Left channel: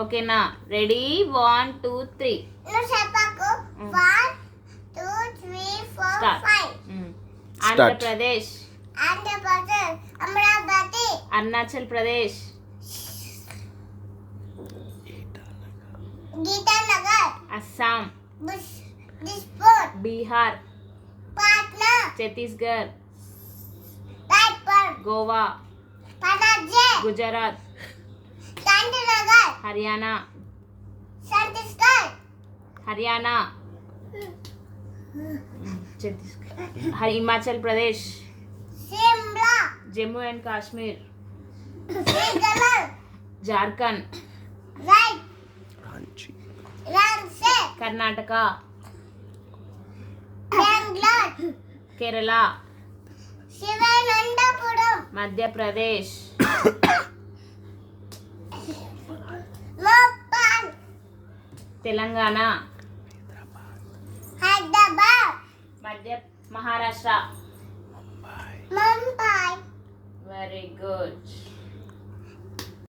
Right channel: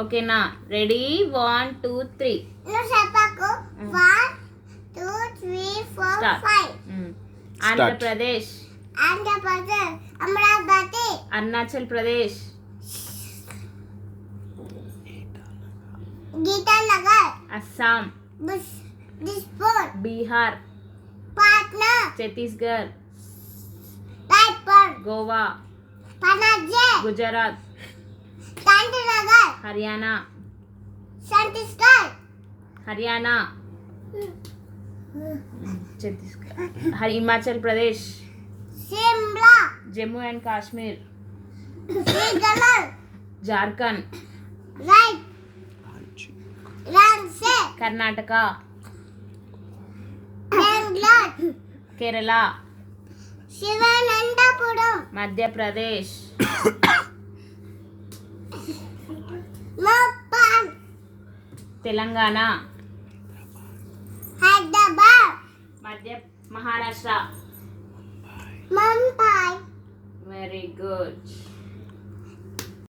ఓకేనా? రెడీ 1 2 3 చెప్పకు 1 2 3 4 start. 5 Andhra Pradesh, Andhra Pradesh, Amaravati, Arunachal Pradesh, Itanagar, Assam, Dispur, Bihar, Patna, Chhattisgarh, Raipur, Goa, Panaji, Gujarat, Gandhinagar, Haryana, Chhattisgarh, Haryana, Himachal Pradesh, Shimla, Jammu and Kashmir, శ్రీగమల్, జార్ఖండ్, రైట్ రాంచీ, కర్ణాటక, బెంగళూరు, కేరళ, శివనంతపురం, మధ్యప్రదేశ్, మోపాల్, తెలంగాణ, హైదరాబాద్, మహారాష్ట్ర. ముంబై. Very good.